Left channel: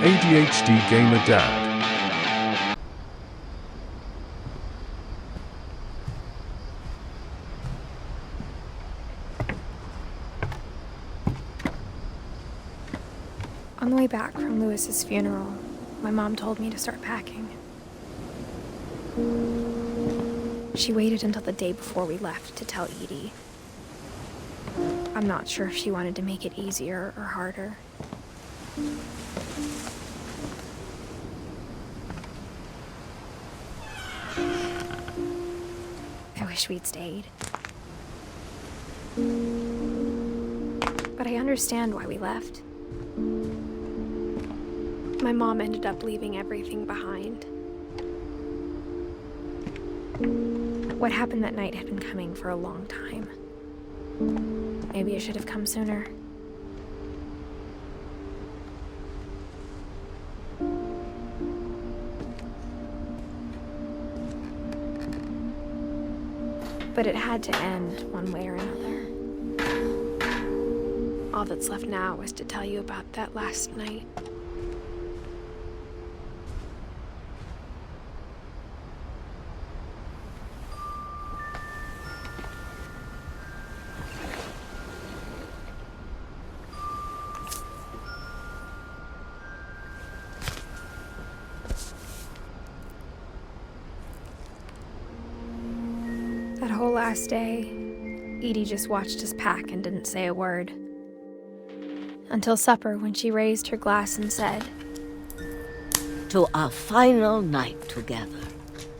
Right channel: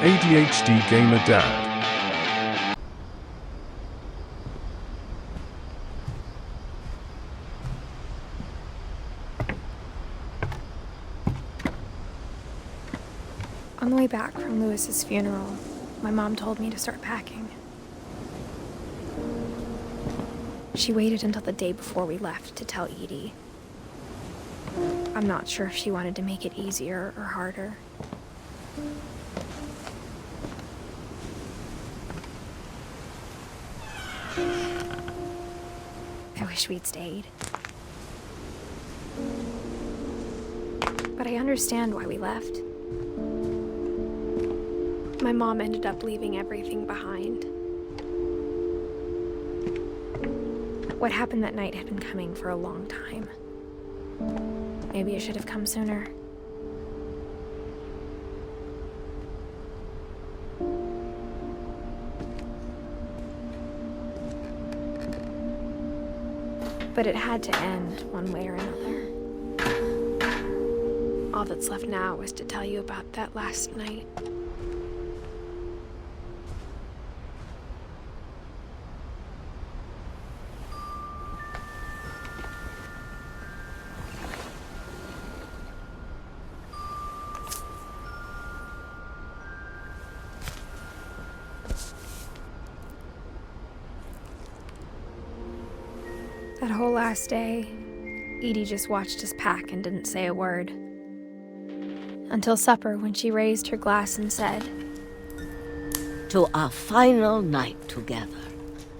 ADHD Gamer Dad. On the way back from Lewis's funeral, my mom told me to start packing. She waited until the day before we left to tell Edie. I'm not sure if she wanted to make it easier or harder. I wish we'd stayed. But I understand why we left. My mom ended up leaving everything behind. What happened that night had been coming for a long time. Maybe it should have come sooner. But it had to end one way or another. All that's left now is to tell you about that last night. That whole last day, Edie just watched us pack and didn't say a word. Until supper, when she raised her glass and said, "To our final night together,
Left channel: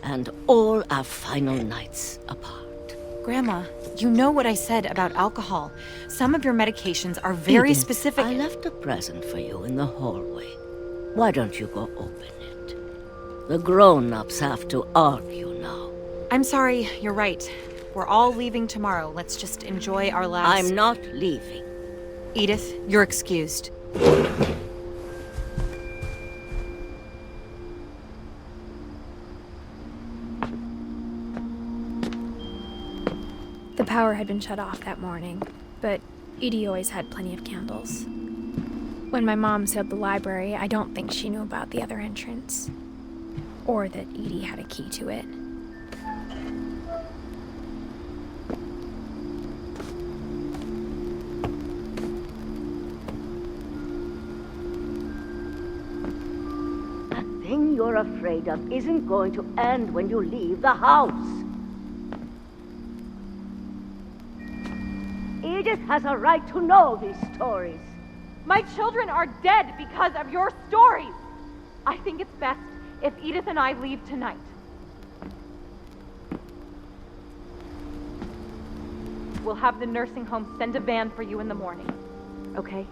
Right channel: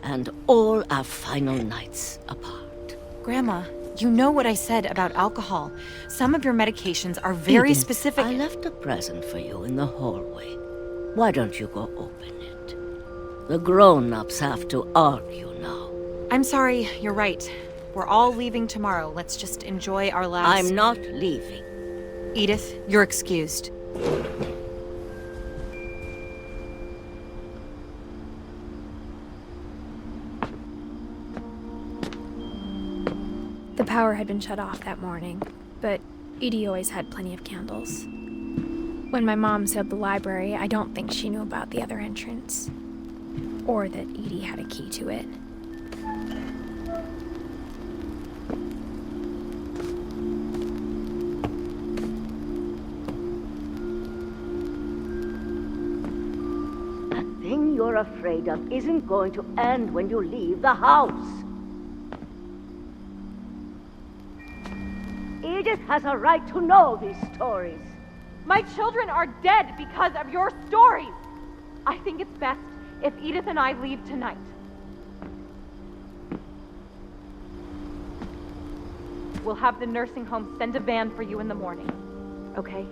and all our final nights apart." Grandma, you know what I said about alcohol. Some of your medications are very Edith, specific. I left a present for you in the hallway. Why don't you go open it? The grown-ups have to argue now. I'm sorry, you're right. We're all leaving tomorrow. Let's just enjoy our last... I'm not leaving. Edith, you're excused. The power had been shut off that morning, but Edie always had plenty of candles. When my mom sealed the library, I don't think she knew about the other entrance, or that Edie had a key to it. That thing you're afraid of isn't going to end when you leave the house. Edith has a right to know these stories. My children are dead because of your stories. I think it's best if Edith and I leave tonight. We'll have the nursing home send a van for you in the morning, okay?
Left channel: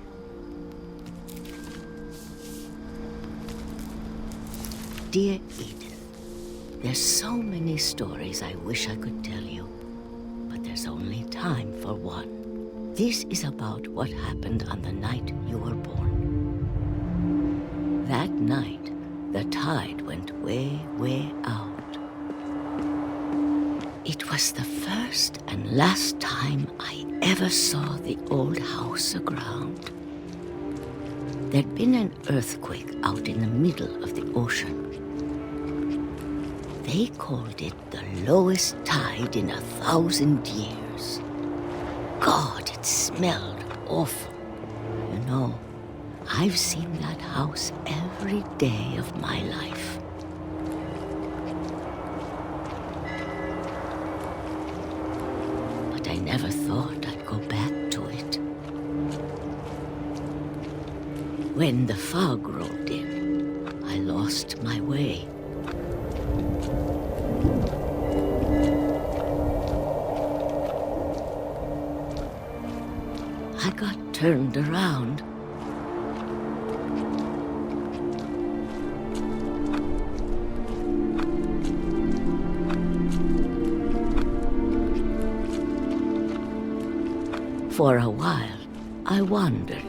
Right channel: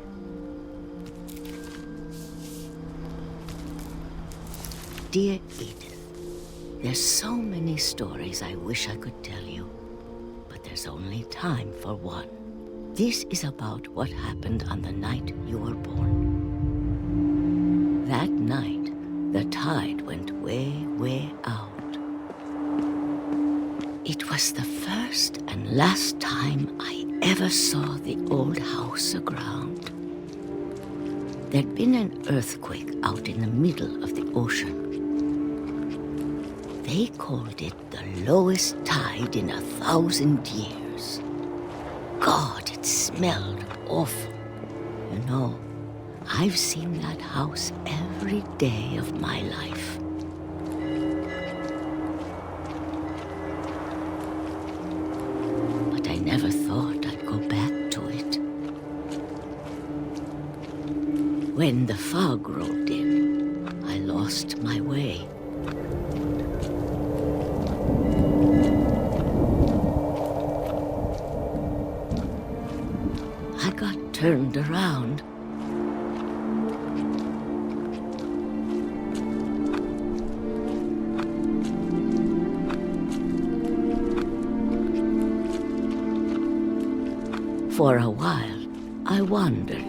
Dear Edith, there's so many stories I wish I could tell you, but there's only time for one. This is about what happened on the night you were born. That night, the tide went way, way out. It was the first and last time I ever saw the old house aground. There'd been an earthquake out in the middle of the ocean. They called it the lowest tide in 1,000 years. God, it smelled awful. You know, I've seen that house every day of my life. But I never thought I'd go back to it. When the fog rolled in, I lost my way. I got turned around. For a while, I wandered.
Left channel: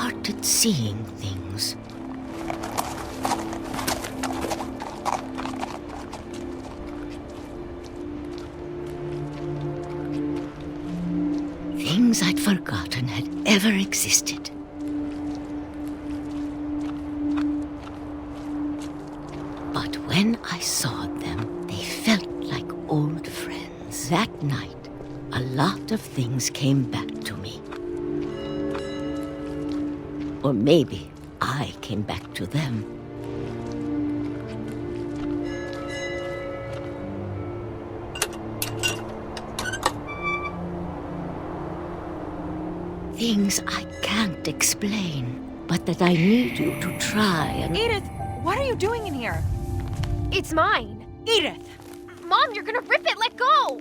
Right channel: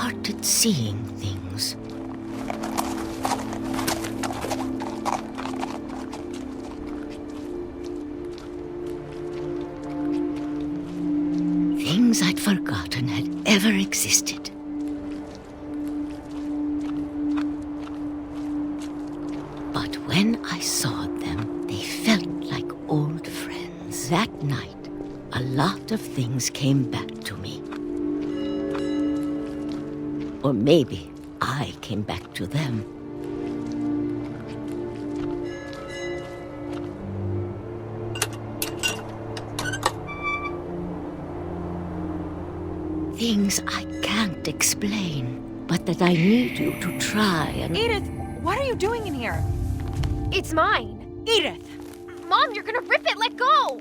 started seeing things. Things I'd forgotten had ever existed. But when I saw them, they felt like old friends. That night, a lot of things came back to me. Or maybe I came back to them. Things I can't explain, but that I need you to try and... Edith, what are you doing in here? It's mine. Edith! Mom, you're gonna rip it! Let go!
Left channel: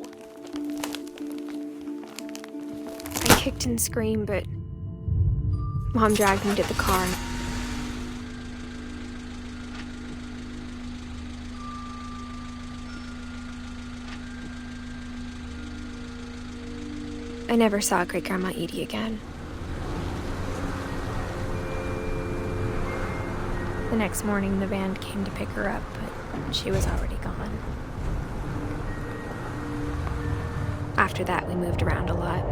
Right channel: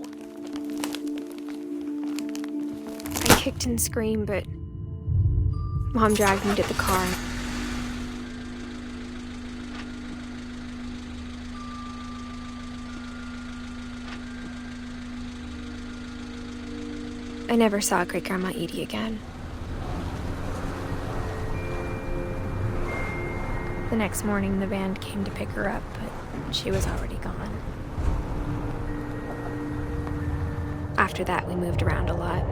I kicked and screamed, but Mom dragged me to the car. I never saw Great-Grandma Edie again. The next morning, the band came to pick her up, but she was already gone. After that, we moved around a lot.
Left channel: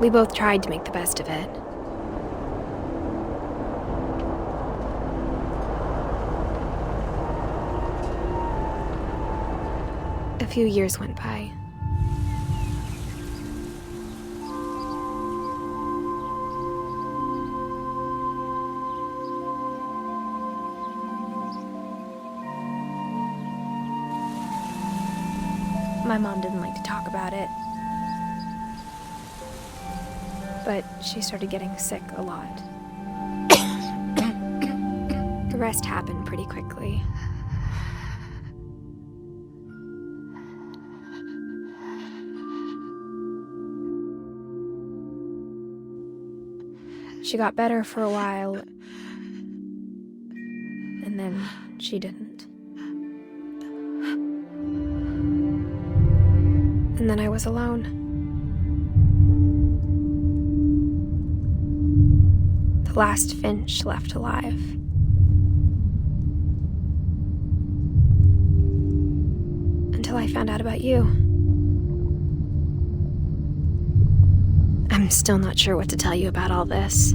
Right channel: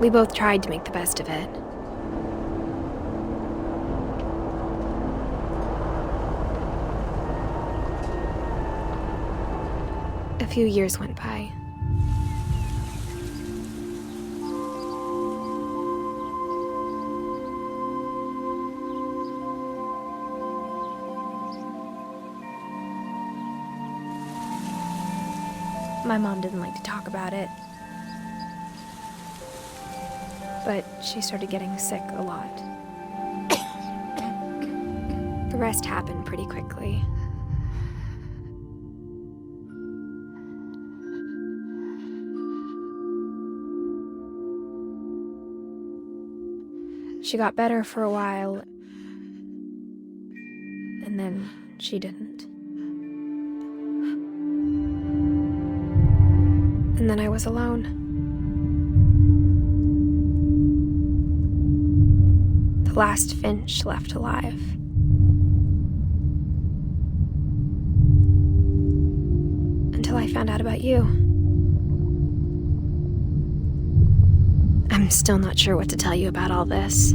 We both tried to make the best of it. A few years went by. My mom didn't like to talk about it, but she started getting sick a lot. The rest happened pretty quickly. She got better for a while, and then she didn't. And then I was alone. The last Finch left alive. Until I found out about you. I'm still not sure what to tell you about all this.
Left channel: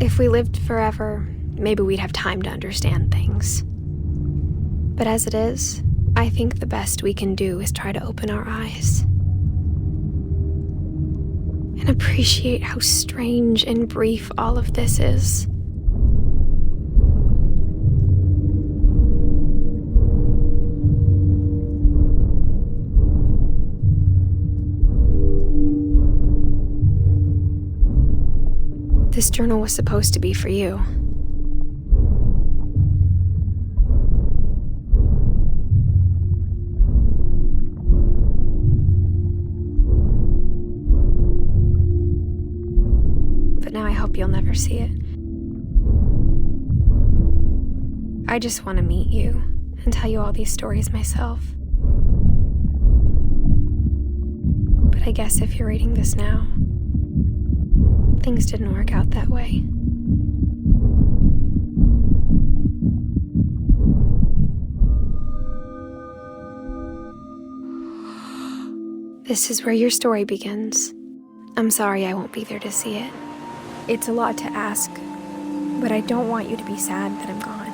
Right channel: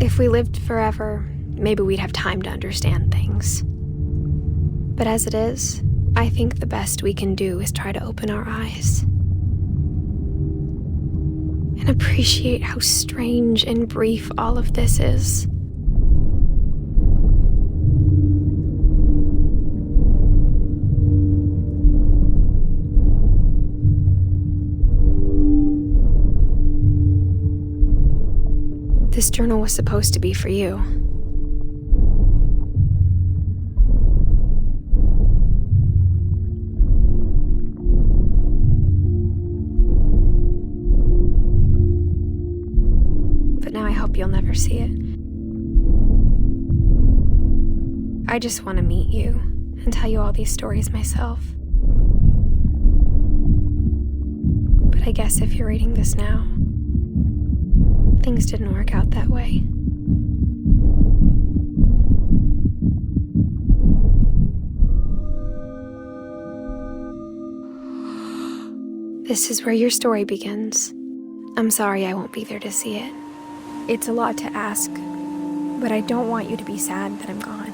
If we lived forever, maybe we'd have time to understand things. But as it is, I think the best we can do is try to open our eyes. And appreciate how strange and brief all of this is. This journal was supposed to be for you. But now I hope you'll never see it. I just want to meet you and tell you all these stories myself. But I guess if you're reading this now, things didn't work out that way. This is where your story begins. I'm sorry I won't be there to see it. It's a lot to ask, but I don't want you to be sad that I'm gone.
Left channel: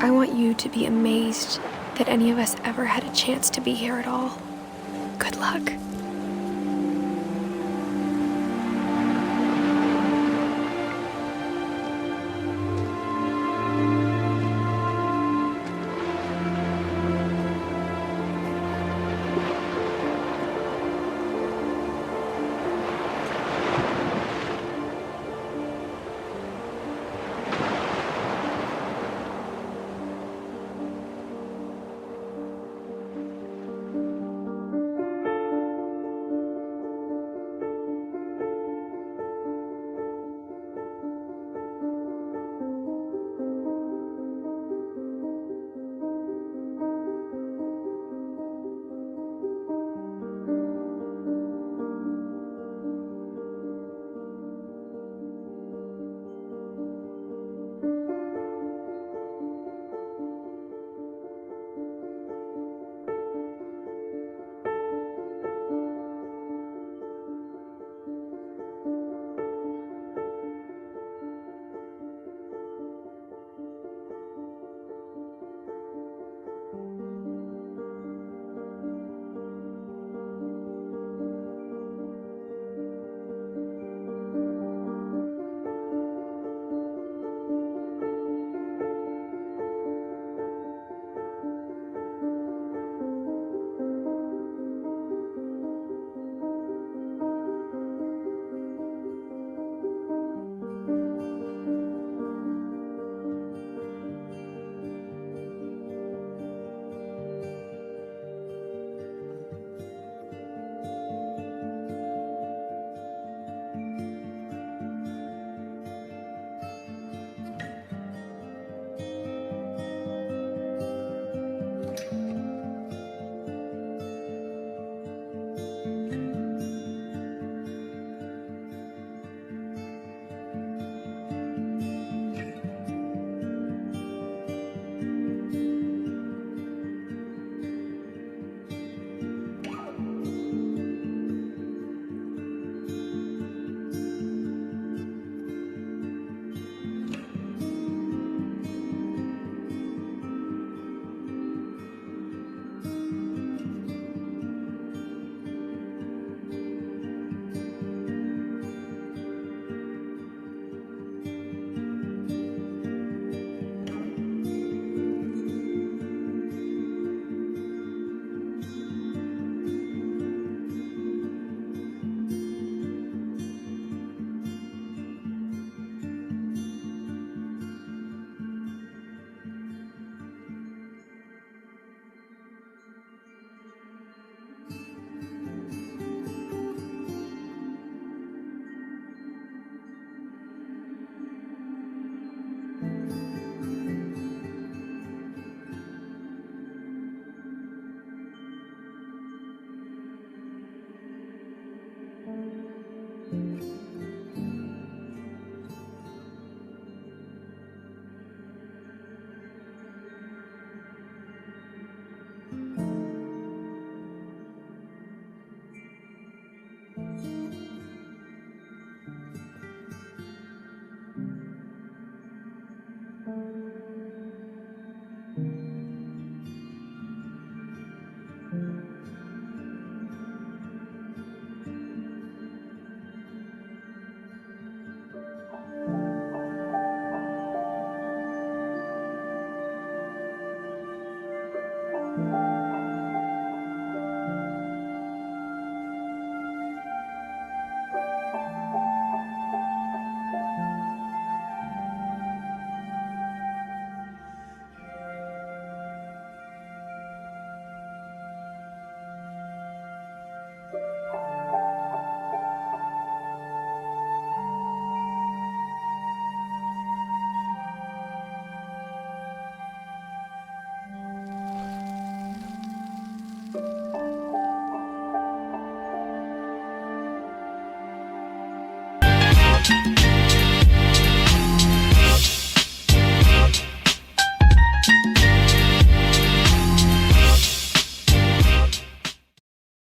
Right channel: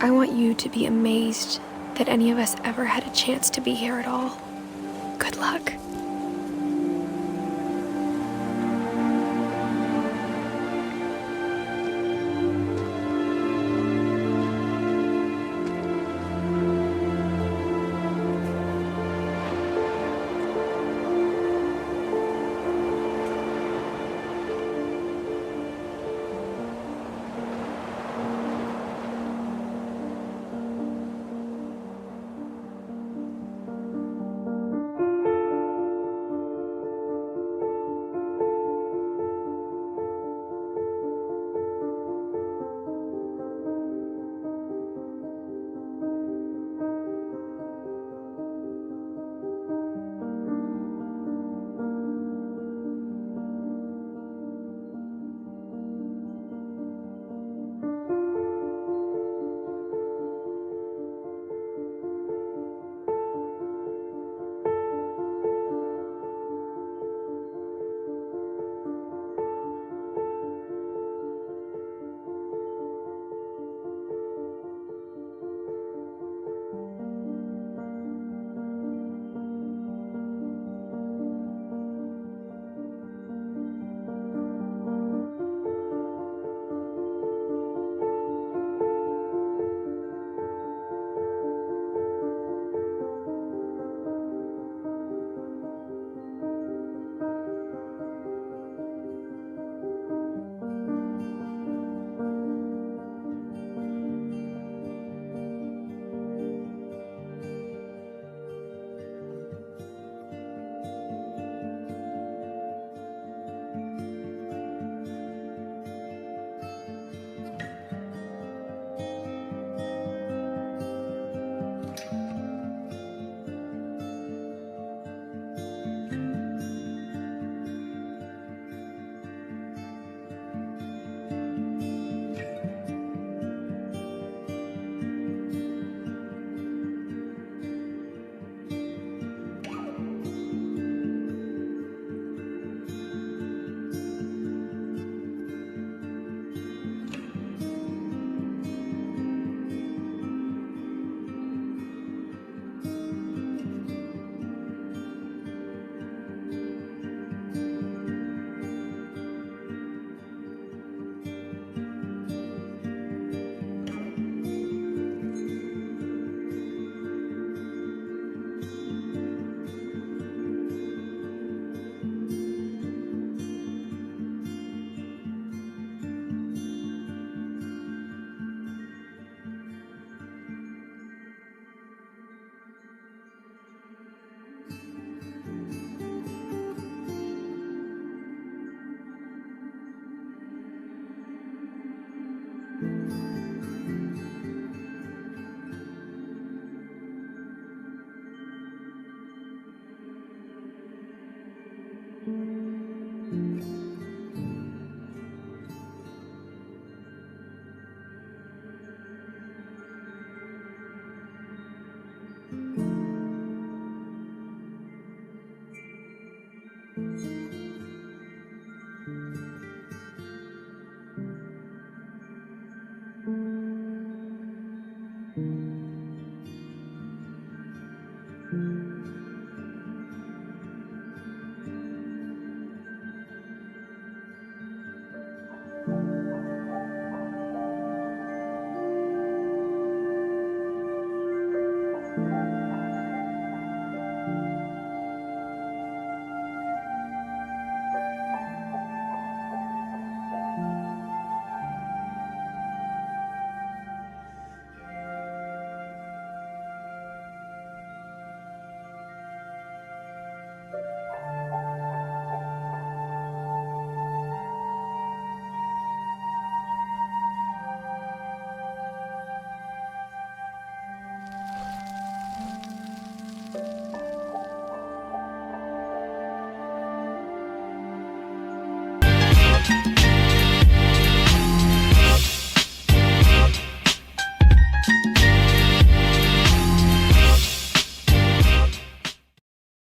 I want you to be amazed that any of us ever had a chance to be here at all. Good luck.